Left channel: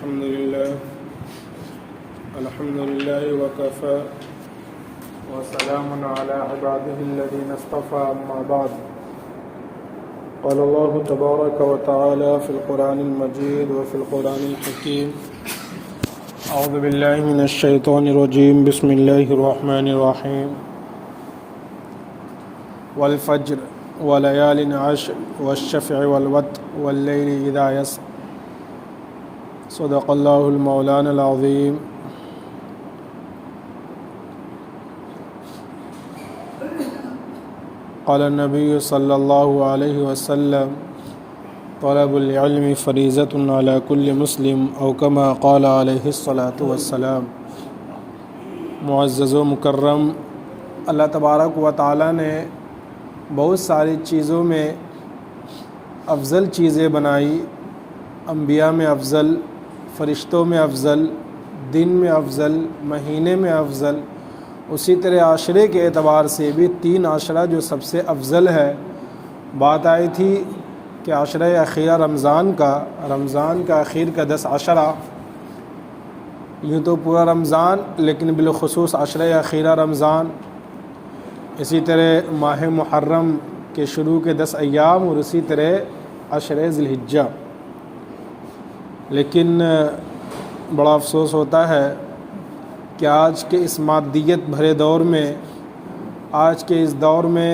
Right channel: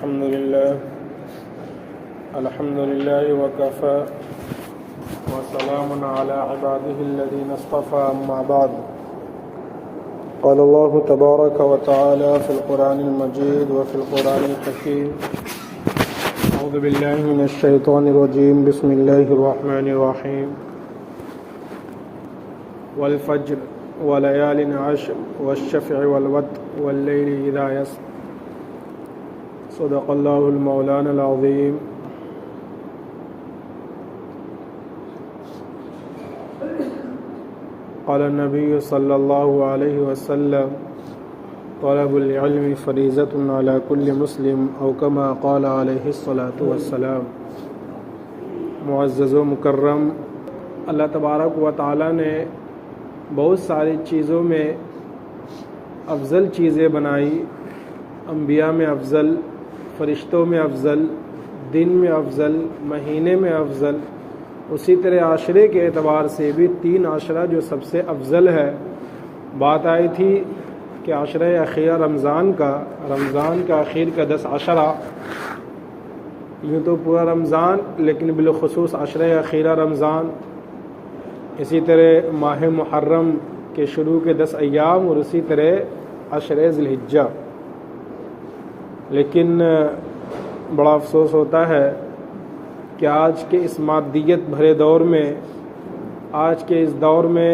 الحمد لله وكفى وسلام على عباده الذين اصطفى أما بعد قال الله تبارك وتعالى في القرآن المجيد وفي القرآن الحكيم أعوذ بالله من الشيطان الرجيم بسم الله الرحمن الرحيم والفجر وليال عشر والشفع والوتر والليل إذا يسر صدق الله المولانا العظيم قال النبي صلى الله عليه وسلم طلب العلم فریضۃ على كل مسلم او كما قال علیہ الصلاۃ والسلام۔ معزز و مکرم، اللہ تبارک و تعالیٰ نے بہت ساری چیزوں میں افضل چیزیں بنائی، انبیاء میں افضل، فرشتوں میں افضل، دن میں افضل، مہینے میں افضل، اسی طرح عاشرے کے اعتبار سے بھی 3 عاشرہ جو سب سے افضل ہے۔ بات آئی تھی کہ عاشرہ اخیرہ رمضان کا اخیر کا 10 عشرہ، یوں تو پورا رمضان لیکن بالخصوص عاشرہ اخیرہ رمضان، اسی طرح ماہ محرم کے شروع کے 10 ایام اور اسی طرح عشرہ ذی الحجہ۔ لیکن بڑا افسوس ہوتا ہے کہ آج کے اس مادیت بھرے دور میں، آج کے اس دور میں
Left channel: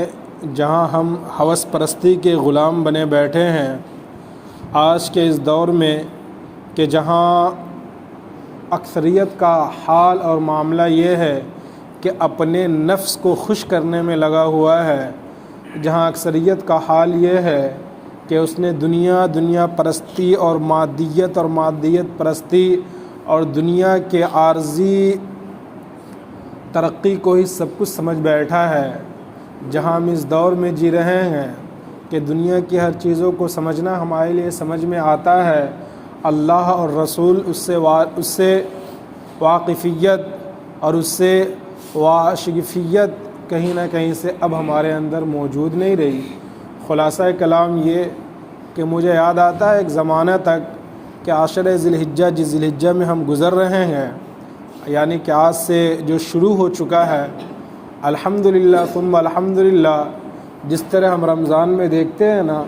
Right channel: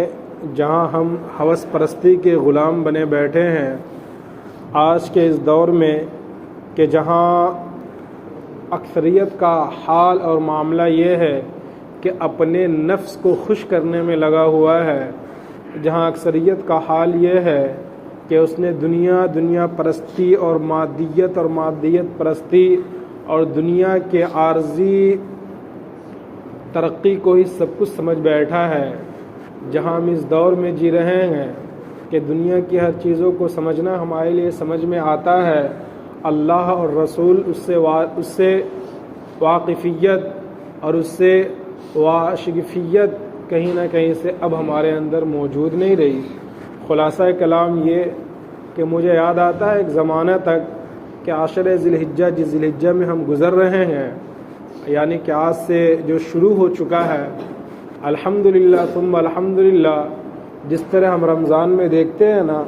جہاں ہم ہوس پرستی کے غلام بنے بیٹھے ہیں، آج کے اس دور میں کہ جہاں اکثریت کا حال اور معاملہ یہ ہے کہ اپنے نفس کو خوش کرنے میں لگا ہوا ہے، جہاں اکثریت کا حال یہ ہے کہ اس نے دنیا پرستی اور مادیت پرستی اور دنیا کے عارضی ترقی کو ہی سب کچھ سمجھ بیٹھا ہے۔ جہاں ہم اس دور میں جی رہے ہیں کہ دنیا کی ہر چیزوں کو سمجھنا ہمارے لیے سمجھ میں آتا ہے، اللہ اور رسول اس سے واقفیت اور اس سے واشگفیت کہیں نہ کہیں سے اب ہمارے اندر موجود نہیں رہی۔ خلاصہ کلام یہ کہ مجھے یاد آتا ہے ایک زمانہ تک کہ عاشرہ ذی الحجہ جس ذی الحجہ میں ہم گزر رہے ہیں، یعنی کہ آج سے جو شروع ہو چکا ہے، الحمدللہ ثم الحمدللہ، جس طرح ہم رمضان میں دیکھتے ہیں نا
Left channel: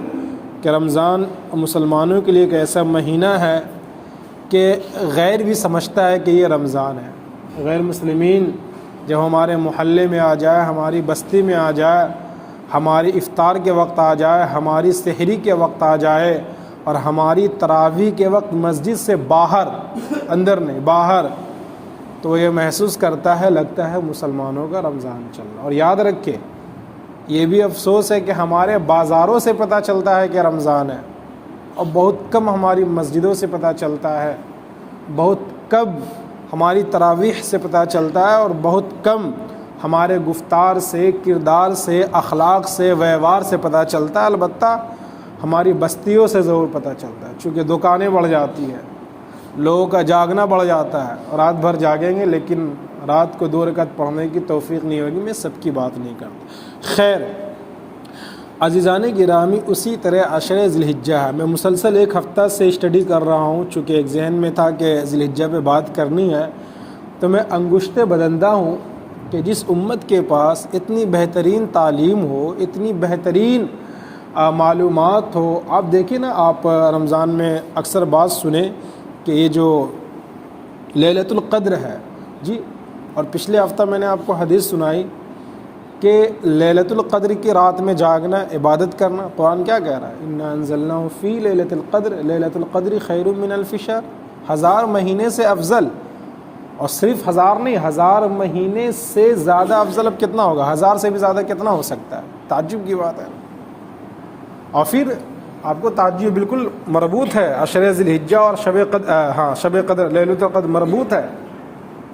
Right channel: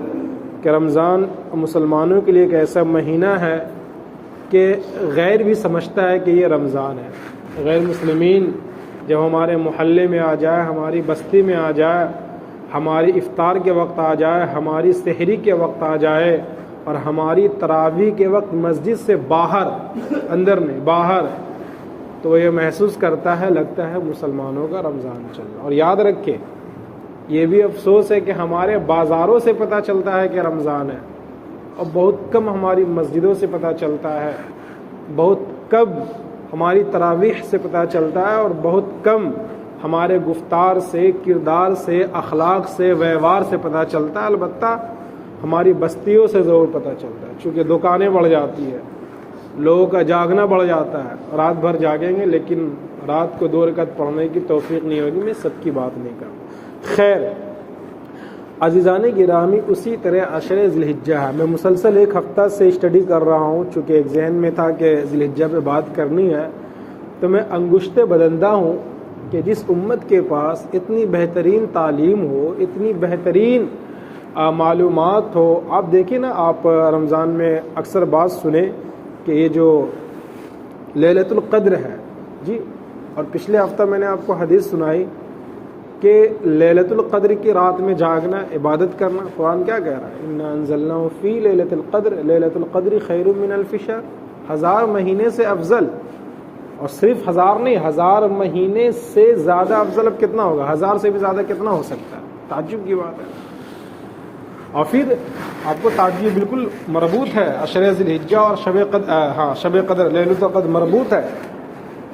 کہ رمضان مسلمانوں کے لیے ایک ایسا مہینہ ہے کہ غیر بھی سمجھتا ہے کہ یہ رمضان ہے۔ غیر مسلمین جب ہمارے محلے میں آ جائے، ہماری بستی میں آ جائے، ہماری افطار کے وقت آ جائے، ہماری سحری کے وقت آ جائے اور ہماری تراویح کے وقت مسجد سے باہر، اندر نہیں باہر، تو یہ محسوس کرتا ہے، لگتا ہے مسلمانوں کا رمضان چل رہا ہے۔ اور یاد رکھے، یہ بھی افسوس ہے کہ ہمارے بازاروں سے پتہ چلتا ہے کہ رمضان ہے، اور بہت کم ہماری مسجدوں سے پتہ چلتا ہے، بہت کم ہماری تراویح سے پتہ چلتا ہے، اور بہت کم ہمارے گفتار سے، کردار سے، اخلاق سے، ویوہار سے پتہ چلتا ہے۔ البتہ ہماری بستیوں سے ضرور پتہ چلتا ہے، چونکہ دکانیں بڑھ جاتی ہیں، لوگوں کا جاگنا بڑھ جاتا ہے، رات بھر جاگیں گے لیکن رات کو 2 رکعت پڑھنے کی توفیق نہیں ہوگی۔ میں سب کی بات نہیں کرتا۔ خیر عزیزان گرامی، اسی طرح عشرہ ذی الحجہ ہے۔ میں مسلسل 1 ہفتہ سے اسٹڈی کر رہا ہوں، چونکہ ایک ذہن میں تھا کہ ذی الحجہ پہ بات کرنی ہے، تو میں انگشت بدندہ ہوں کہ جس امت کے پاس اتنی بہترین تعلیم ہو، اتنی بہترین معلومات ہو۔ آپ دیکھیں نا، آپ رمضان میں اکثر بات سنیں کہ یہ جو لیلۃ القدر ہے جی، اور پچھلے ہفتہ میں نے آپ کو حدیث سنائی کہ لیلۃ القدر کی رات میں جاگنا، عبادت کرنا، قرآن کیا کہہ رہا ہے؟ انا انزلناہ فی لیلۃ القدر، لیلۃ القدر خیر من الف شہر، 1000 مہینے سے افضل، اور صرف 1000 نہیں، 1000 مہینے سے زیادہ افضل اب کتنا ہوگا؟ 1000 سے بھی زیادہ کتنا ہو سکتا ہے؟ تعجب کی بات ہے۔ اور پھر آپ کو تعجب بالکل مربوط ہے عشرہ ذی الحجہ اور شب قدر، لیلۃ القدر مربوط ہے۔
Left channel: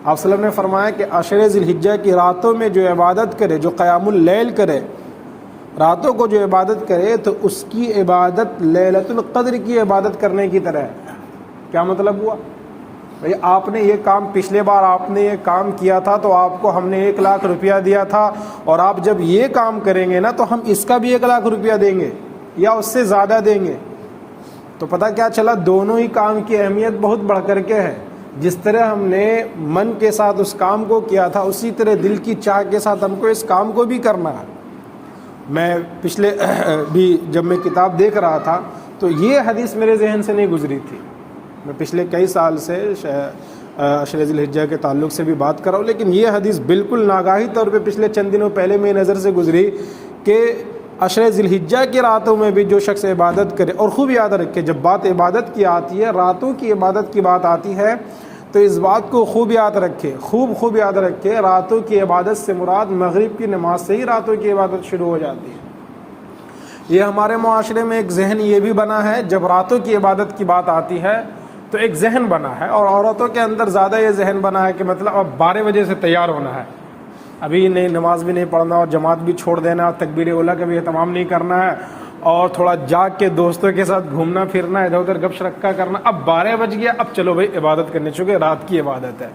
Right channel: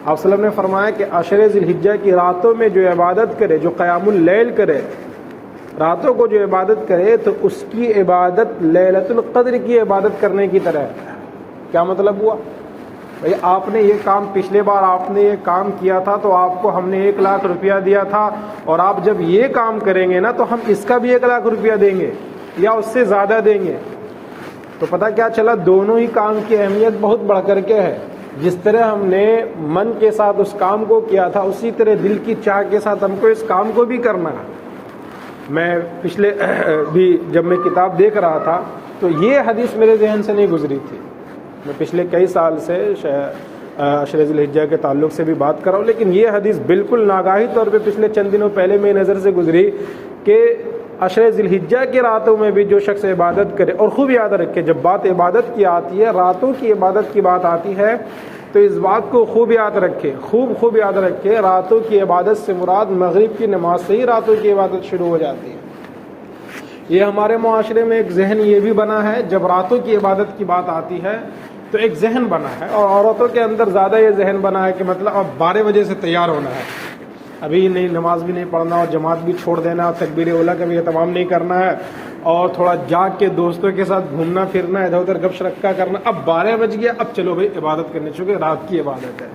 آپ صلی اللہ علیہ وسلم نے فرمایا کہ عشرہ ذی الحجہ کی راتوں میں جو عبادت کرے، جو قیام اللیل کرے، راتوں کو جو عبادت کرے، تو اس کی عبادت لیلۃ القدر کی عبادت کرنے کی طرح ہے۔ کیا مطلب ہوا؟ آپ نے یہ کام، پچھلے بار آپ نے یہ کام کیا تھا تو آپ کو ہم نے 1 لاکھ روپیہ دیا تھا، اور آپ جب یہ کام کریں گے نا تو ہم اس کا بھی 1 لاکھ روپیہ دیں گے یا اس سے زیادہ دیں گے۔ تو تو پتہ کیا چلا، دونوں ہی کام کی اہمیت بہت بڑھ کر کے ہے. جس طرح ہم نے من کے ساتھ اس کام کو کیا تھا، اسی طرح دل کی چاہ کے ساتھ ہم کو اس کام کو بھی کرنا ہے. میں پچھلے بھی جب میں کتاب دیکھ رہا تھا تو یہ حدیث میرے ذہن سے نہیں گزری تھی. میں پچھلے کئی سال سے عشر ذی الحجہ کے تعلق سے بھی بات کر رہا ہوں، لیکن یہ حدیث بالکل ناگاہی طور پہ پچھلے چند دنوں پہلے میری نظر سے گزری کہ عشر ذی الحجہ کی راتوں میں بھی جو شخص عبادت کرے، اور خوب یاد رکھے جب بات عبادت کی آتی ہے، راتوں کی عبادت کی بات آتی ہے، تو اس بات کو خوب یاد رکھے، خوب یاد رکھے، راتوں کی عبادت سے مراد مغرب کی نماز سے ہی راتوں کی عبادت شروع ہو جاتی ہے. یہ ہمارے معاشرے میں ایک ذہن یہ بھی بنا ہے، جب راتوں کی عبادت کی بات آتی ہے تو ایک ذہن بنا ہے، اور عورتوں کے اندر زیادہ یہ ذہن بنا ہے کہ مطلب اب 12 بجے سے تیار ہونا ہے، ابھی نہیں نماز بھی نہیں پڑھنا، جماعت بھی چھوڑ دینا، تکبیر اولیٰ کا بھی اہتمام نہیں کرنا ہے، اور تھوڑا جاگ کے دوستوں کے ساتھ گھومنا پھرنا، ادھر ادھر گپ شپ کرنا. اب 12 بج گیا، اب چلو بھائی عبادت کرنے، چونکہ رات کی عبادت ہے.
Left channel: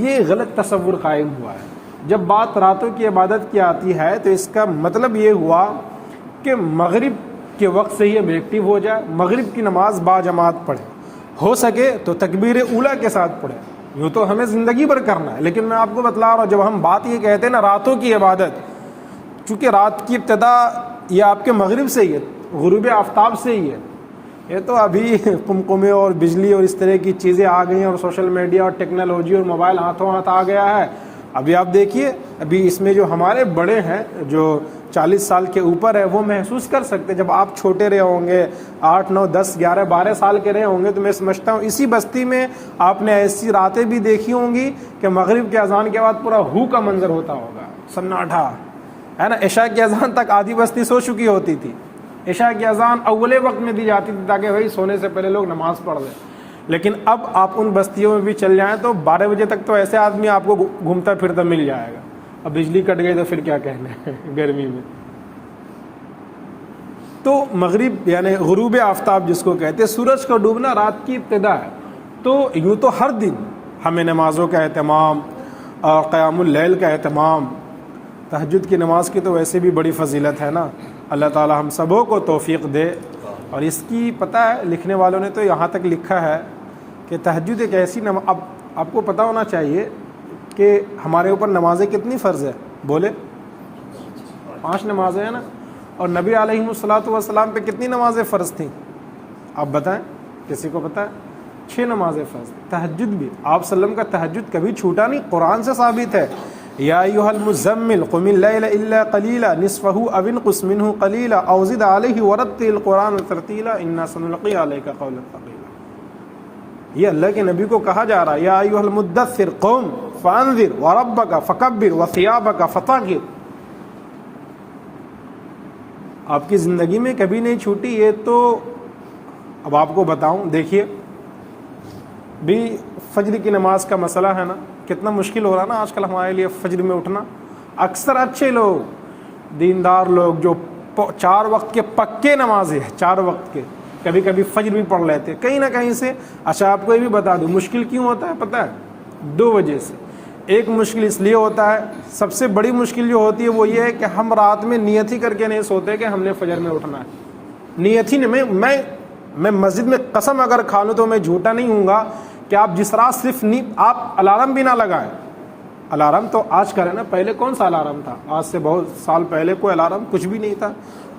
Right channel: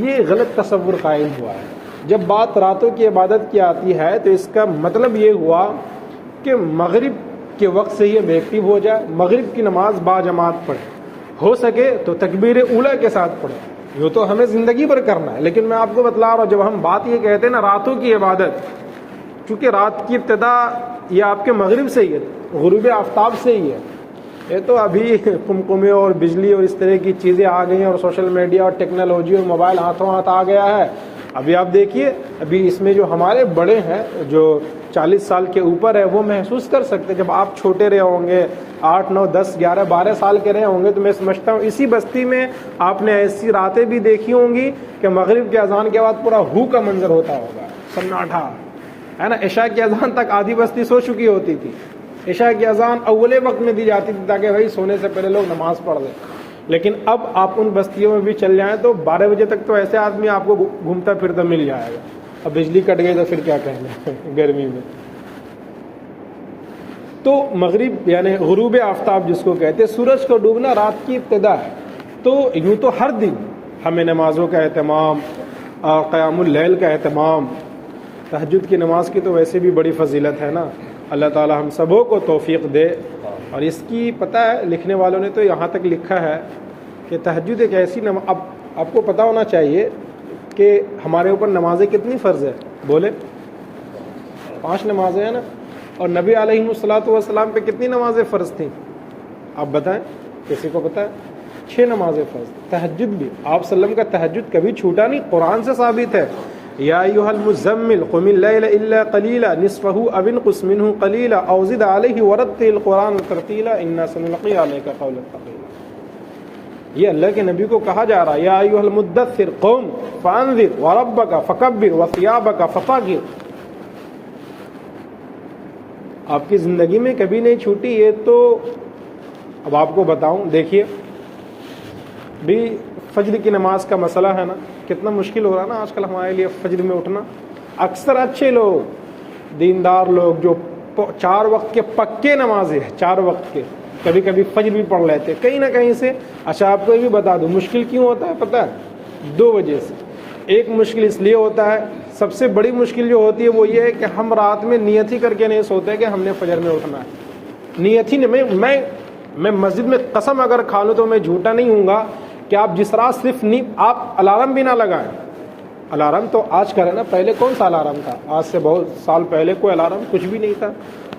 یہ غلط تصور قائم ہوا ہے. جب بات راتوں کی عبادت کی آتی ہے تو اس کا مطلب یہ ہوا کہ مغرب کے وقت سے یہ ایکٹیو ہو جائے، مغرب کی نماز با جماعت پڑھے، ہو سکے تو تکبیر اولیٰ کے ساتھ پڑھے. یہ تو ہمیں زندگی بھر کرنا ہے، لیکن میں آپ کو بتلا رہا ہوں، جب ہم بات یہ کہتے ہیں نا راتوں کی عبادت، چونکہ رات کی ابتدا یہ آپ کے مغرب سے ہی ہے، غروب آفتاب سے ہی ہے. یہ تو ابھی کمکمے اور بجلی اور اس طرح کی چیزیں آ گئی ہیں، اور سوشل میڈیا اور ٹیکنالوجی اور موبائل ہاتھوں ہاتھ آ گیا ہے. ابھی آپ دیکھیے، ابھی اس میں جو ہمارے بڑے ہیں جو 40 سال کے اوپر ہے وہ محسوس کر سکتے. جب آپ چھوٹے رہے ہوں گے، 8 9 10 11 12 سال کے رہے ہوں گے، تو میں سمجھتا ہوں اسی بستی میں آپ نے ایسی راتیں بھی دیکھی ہوں گی کہ مغرب کے اذان کے بعد پورا ہو کا منظر ہوتا ہوگا، سناٹا ہے نا. عشاء کی اذان تک آدھی بستی سو چکی ہوتی تھی. عشاء کی اذان اولے وقت میں دی جاتی تھی تاکہ بھائی سونے سے پہلے لوگ نماز پڑھ لیں. لیکن اب آپ ان بستیوں میں بھی چل جائیں تو 12 بجے تک تو ایسے آدمی آپ کو گھومتا پھرتا مل جائے گا. اب بجلی کٹ گئی تو پھر کیا کہنا گرمی میں. تو مغرب یعنی غروب آفتاب جس کو کہتے ہیں، سورج کو ڈوبنا رات کی ابتدا ہے. تو یوں تو ہر دن ہمیں نمازوں کا اہتمام، قیام اللیل کا اہتمام، تہجد کی نماز کی تو ویسے بھی بڑی فضیلت ہے نا. اللہ تعالی ہم سبوں کو توفیق دے. اور اس کی پتہ ہے لکھنے والوں نے تو یہاں تک لکھا ہے کہ تہجد ایک ایسی نماز، اب آپ کو پتہ ہونا چاہیے کہ ہمارے اوپر نمازیں کتنی فرض ہے، بولے 5 نمازیں ہیں نا. اور نبی علیہ الصلوۃ والسلام پہ کتنی نمازیں فرض تھیں آپ بتائیں، کسی کو پتہ ہے؟ 6 نمازیں فرض تھیں. تہجد بھی آپ صلی اللہ علیہ وسلم کا تہجد کبھی چھوٹا نہیں، قرآن سے ثابت ہے. یا ایھا المزمل قم اللیل الا قلیلا نصفہ او انقص منہ قلیلا او زد علیہ ورتل القرآن ترتیلا انا سنلقی علیک قولا ثقیلا. یہ اللہ کے نبی کو کہا جا رہا ہے، یا ایھا المدثر قم فانذر وربک فکبر وثیابک فطہر. آپ کی زندگی میں کبھی نہیں چھوٹی. یہ تو اب آپ کو بتاؤں، دیکھیے بھی فجر کی نماز کا مسئلہ ہے نا، کتنا مشکل ہو رہا نا آج کل ہمارے لیے فجر میں اٹھنا. اکثر اچھے لوگ، دیندار لوگ جو 4 وقت کے پکے نمازیں ہیں، 4 وقت کے، کبھی کبھی فجر بھی پڑھ لیتے کہیں نہ کہیں سے. اچھا آپ کو یہ بھی بتا دوں مشکل کیوں ہوتا ہے پتہ ہے؟ 2 وجہ سے. ایک مشکل اس لیے ہوتا ہے، سب سے بڑی مشکل جو ہوتی ہے وہ یہ ہے کہ ہم رات میں نیت ہی کر کے نہیں سوتے کہ ہم نے فجر میں اٹھنا ہے. نیت ہی میں مسجد میں قسم اگر کھا لوں تو میں جھوٹا نہیں ہوں گا کہ آپ جس رات صرف آپ الارم بھی نہ لگائیں. الارم تو آج کل ہے نا، پہلے کون سا الارم تھا؟ آج سے بہت سال پہلے کوئی الارم کچھ بھی نہیں تھا.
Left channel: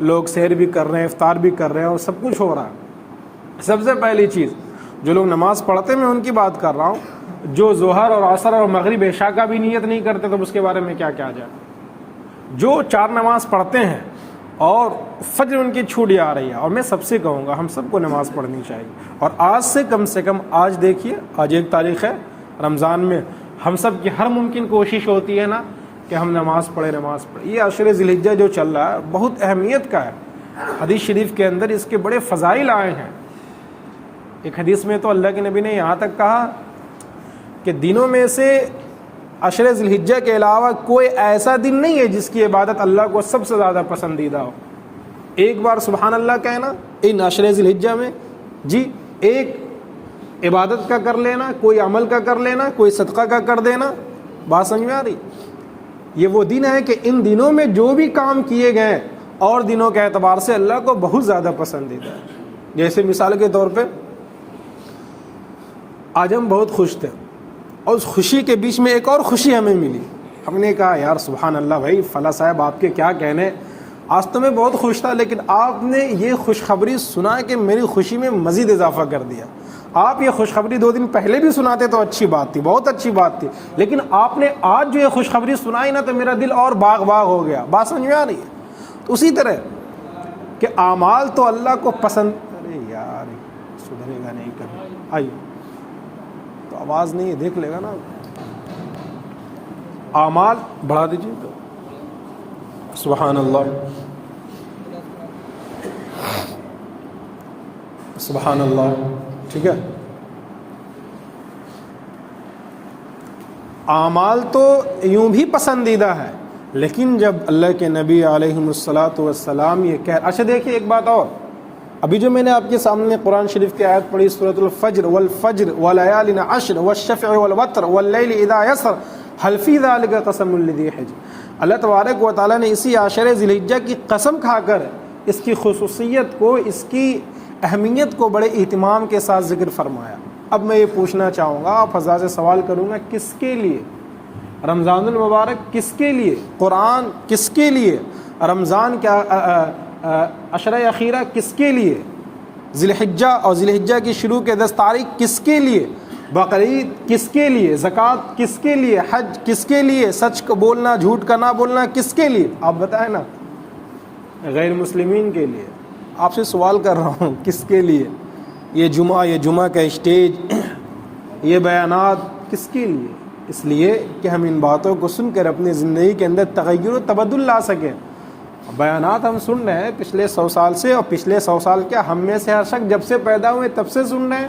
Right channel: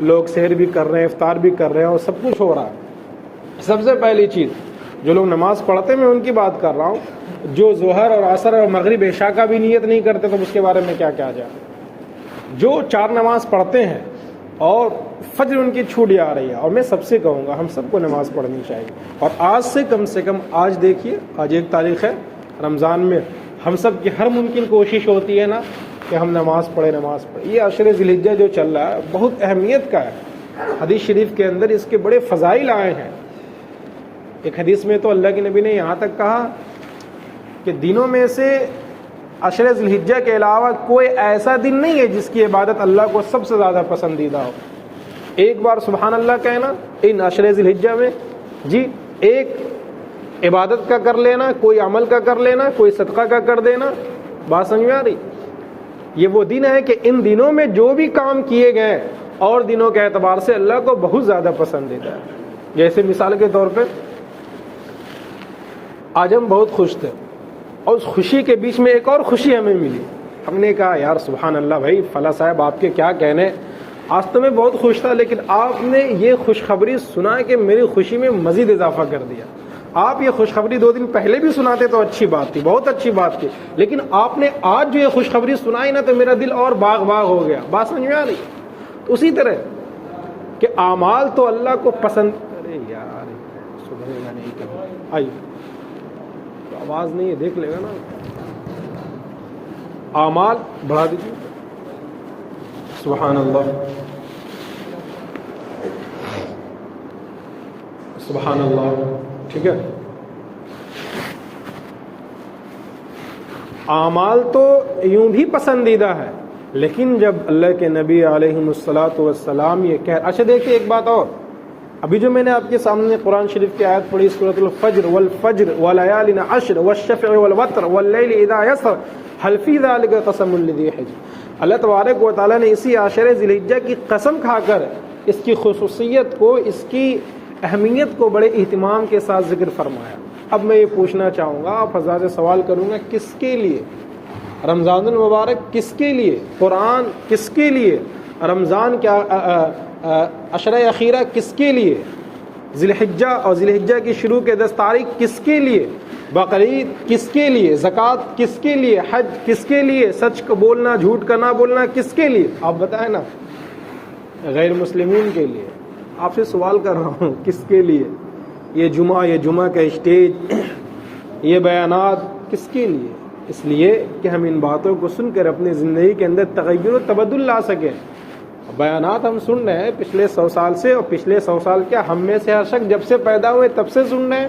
لوگ سحر بھی کر رہے ہیں، افطار بھی کر رہے ہیں، اور سب کچھ ہو رہا ہے. سب سے پہلی چیز جو لوگ نماز پڑھتے ہیں میں ان کی بات کر رہا ہوں، جو ظہر اور عصر اور مغرب عشاء کا بھی نیت نہیں کرتے تو اس کے بارے میں کیا کہا جائے. جو 4 نماز پڑھتے ہیں اور فجر ان کی چھوٹ آ رہی ہے، اور میں سب سے کہوں گا ہم سب کو نماز پڑھنی چاہیے. اور آج سے کم آج دیکھیے، آج 1 تاریخ ہے رمضان میں، ہم سب کی ہر ممکن کوشش ہوتی ہے نا کہ ہم نماز پڑھیں. یہ عشر ذی الحجہ جو چل رہا ہے بہت اہمیت کا ہے. حدیث شریف کے اندر اس کے بڑے فضائل آئے ہیں. ایک حدیث میں تو اللہ کے نبی نے یہاں تک کہا کہ دنوں میں سے عشر ذی الحجہ کے علاوہ کوئی ایسا دن نہیں ہے جس کی عبادت اللہ کو سب سے زیادہ پسندیدہ ہے. ایک بار سبحان اللہ کہنا ان عشر ذی الحجہ میں، جی ایک عبادت کا کر لینا، کوئی عمل کا کر لینا، کوئی صدقہ کا کر دینا. بات سمجھ میں آ رہی؟ یہ وہ دن ہے کہ ان دنوں میں جو بھی کام کیے گئے اور دنوں کے اعتبار سے اللہ کو بہت زیادہ پسندیدہ ہے. جیسے مثال کے طور پہ آج ہم بہت خوش تھے اور اس خوشی کے بیچ میں ایک اور خوشی ہمیں ملی. ہم نے کہا یار سبحان اللہ بھائی فلاں صاحب آپ کے کیا کہنے, آج تو میں بہت خوش تھا لیکن آپ نے یہ خوشخبری سنا کہ میری خوشی میں مزید اضافہ کر دیا. آپ یہ خوشخبری 2 دن پہلے بھی سناتے تو اچھی بات تھی, بہت اچھی بات تھی, لیکن آپ نے آج جو یہ خوشخبری سنائی نا تو میرا دل اور باغ باغ ہو گیا. بات سمجھ میں آ رہی ہے؟ اسی طرح کہ اعمال تو اللہ کو پسند, ارے یار سدھرے گا نہیں کر آئیے تو آواز نہیں ہے دیکھ لے گا نا. اعمال بڑھا دیجیے. سبحان اللہ سبحان اللہ. ٹھیک ہے, اعمال تو یوں بھی پسندیدہ ہے, لیکن جب اللہ کے نبی علیہ الصلوۃ والسلام یہ کہہ, اچھا دیکھیں ایک بات اور, ابھی جو میں نے آپ کے سامنے قرآن شریف کی آیت پڑھی سورۃ الفجر والفجر وليال عشر والشفع والوتر واللیل اذا یسر هل فی ذلک قسم لذی حجر. اللہ تبارک و تعالیٰ نے اسی عشر ذی الحجہ کی قسم کھا کر اس کی خصوصیت کو, اس کی اہمیت کو بڑے اہتمام کے ساتھ ذکر فرمایا. اب میں یہ پوچھنا چاہوں گا, فضا سے سوال کروں گا, کس کے لیے رمضان المبارک, کس کے لیے قرآن, کس کے لیے رمضان کا عشرہ اخیرہ, کس کے لیے ذی الحجہ اور ذی الحجہ کی شروع کے 10 تاریخ کس کے لیے, بقرعید کس کے لیے, زکوٰۃ کس کے لیے, حج کس کے لیے, سچ کو بولنا جھوٹ کا نہ بولنا کس کے لیے, آپ بتائیں نا. غیر مسلمین کے لیے. آپ سے سوال کر رہا ہوں کس کے لیے یہ جمعہ کا اسٹیج, یہ بیانات کس کے لیے؟ اس لیے کہ ہم ان باتوں کو سن کر اپنی زندگی کے اندر تغیر و تبدل لا سکیں. بیانات ہم سن رہے ہیں پچھلے 100 سال سے, اور پچھلے 100 سال کے ہم میں سے ہر شخص جب سے پیدا ہوئے تب سے سن رہے ہیں.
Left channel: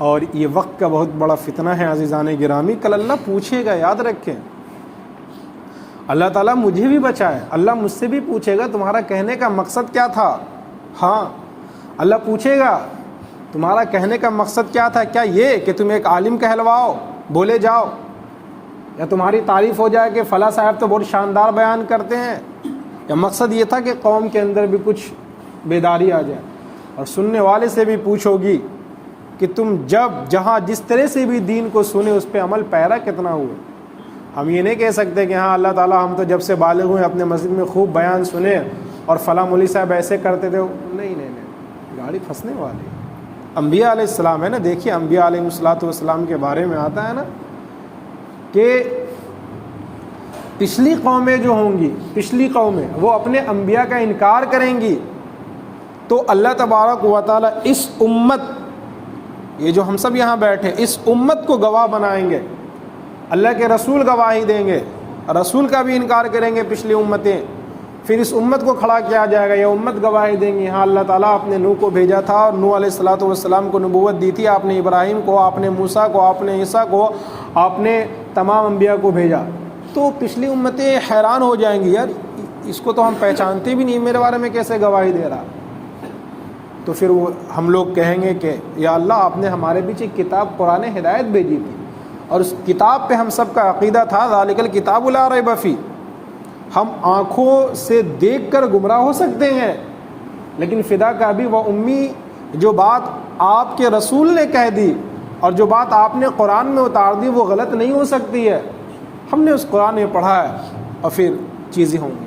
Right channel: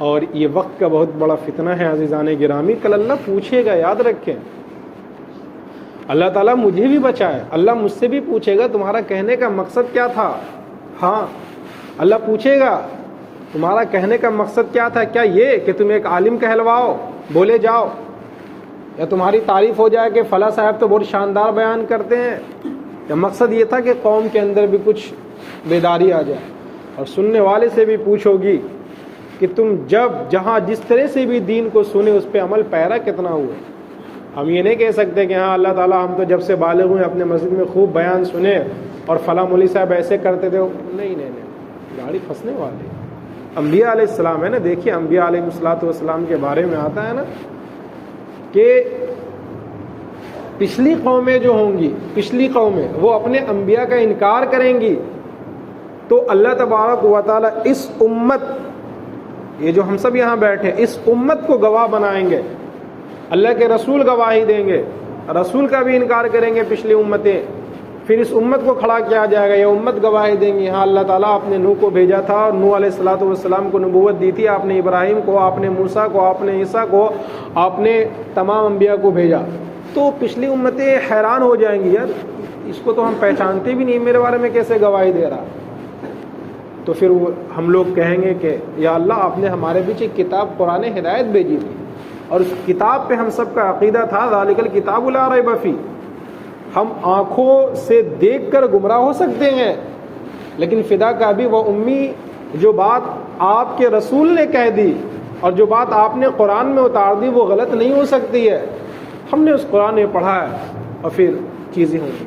اور یہ وقت کا بہت بڑا فتنہ ہے عزیزان گرامی. کل اللہ پوچھے گا, یاد رکھیں, اللہ تعالیٰ مجھے بھی بچائے, اللہ مجھ سے بھی پوچھے گا تمہارا کہنے کا مقصد کیا تھا. ہاں اللہ پوچھے گا تمہارا کہنے کا مقصد کیا تھا, کیا یہ کہ تم ایک عالم کہلواؤ, بولے جاؤ, یا تمہاری تعریف ہو جائے کہ فلاں صاحب تو بہت شاندار بیان کرتے ہیں, یا مقصد یہ تھا کہ قوم کے اندر بھی کچھ بیداری آ جائے. اور سننے والے سے بھی پوچھو گی کہ تم جب جہاں جس طرح سے بھی دین کو سنے اس پہ عمل پیرا کتنا ہوا. ہم یہ نہیں کہہ سکتے کہ ہاں اللہ تعالیٰ ہم تو جب سے بالغ ہوئے اپنے مسجد میں خوب بیان سنے اور فلاں مولوی صاحب ایسے کرتے تھے. نہیں, گاڑی پھنسنے والے. انبیاء علیہ السلام ہے نا, دیکھیے انبیاء علیہ السلام کے بارے میں آتا ہے نا کہ پچھلی قومیں جو ہوں گی, پچھلی قومیں وہ اپنے انبیاء کا انکار کریں گی تو اللہ تبارک و تعالیٰ اس امت, یہ جو ہم سب یہاں بیٹھے, اس امت کو گواہ بنائیں گے. اللہ کے رسول گواہی دیں گے, رسول کا بھی انکار کریں گے پچھلی امتیں, پھر اس امت کو کھڑا کیا جائے گا, یہ امت گواہی دیں گی, ہاں اللہ تعالیٰ آپ نے نوح کو بھیجا تھا, اور نوح علیہ السلام کو نبوت دی تھی, آپ نے ابراہیم کو, آپ نے موسیٰ کو, آپ نے عیسیٰ کو, آپ نے تمام انبیاء کو بھیجا. تو پچھلی امتیں حیران ہو جائیں گی, یار اس کو تو ہم پہچانتے بھی نہیں, میرے بارے میں کیسے گواہی دے رہا. تو پھر ہم لوگ کہیں گے کہ یا اللہ آپ نے ہمارے بیچ ایک کتاب قرآن ہدایت بھیجی تھی, اور اس کتاب پہ ہم سب کا عقیدہ تھا ذالک الکتاب لا ریب فیہ. ہم آنکھوں سے دیکھ کر گمراہ ہو سکتے ہیں, لیکن فدا کا ابی و امی, جو بات آپ کے رسول نے کہہ دی اور جو بات آپ نے قرآن میں اتار دی وہ غلط نہیں ہو سکتی ہے. ہم نے اس قرآن میں پڑھا ہے اور پھر چیزیں ہوں گی.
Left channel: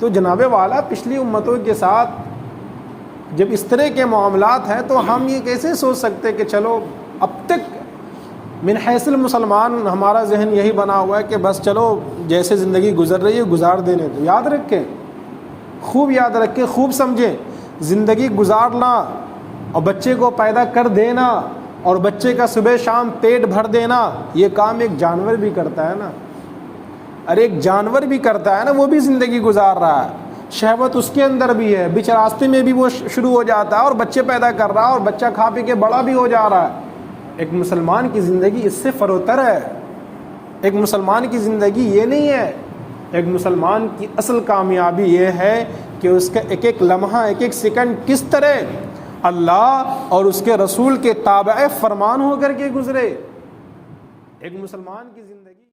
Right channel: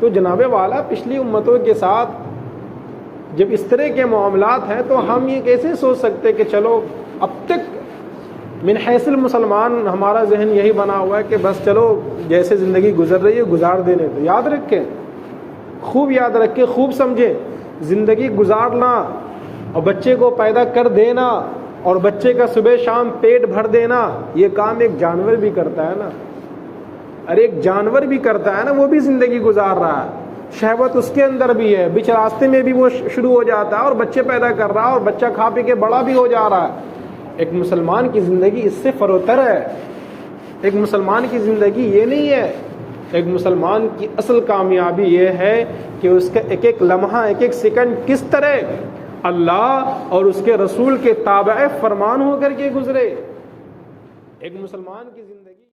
تو جناب والا پچھلی امتوں کے ساتھ جب اس طرح کے معاملات ہیں تو ہم یہ کیسے سوچ سکتے کہ چلو اب تک من حیث المسلمان ہمارا ذہن یہی بنا ہوا ہے کہ بس چلو جیسے زندگی گزر رہی ہے گزار دینے. تو یاد رکھیں, خوب یاد رکھیں, خوب سمجھیں, زندگی گزارنا اور بچے کو پیدا کر دینا اور بچے کا صبح شام پیٹ بھر دینا, یہ کام ایک جانور بھی کرتا ہے نا. ارے ایک جانور بھی کرتا ہے نا, وہ بھی زندگی گزار رہا ہے, شہوت اس کے اندر بھی ہے, بیچ راستے میں بھی وہ شروع ہو جاتا ہے اور بچے پیدا کر رہا ہے اور بچہ کھا پی کے بڑا بھی ہو جا رہا ہے. ایک مسلمان کی زندگی اس سے فروتر ہے. ایک مسلمان کی زندگی یہ نہیں ہے. ایک مسلمان کی اصل کامیابی یہ ہے کہ اس کا ایک ایک لمحہ, ایک ایک سیکنڈ کس طرح اللہ اور اس کے رسول کے تابع فرمان ہو کر کے گزرے. ایک مسلمان کی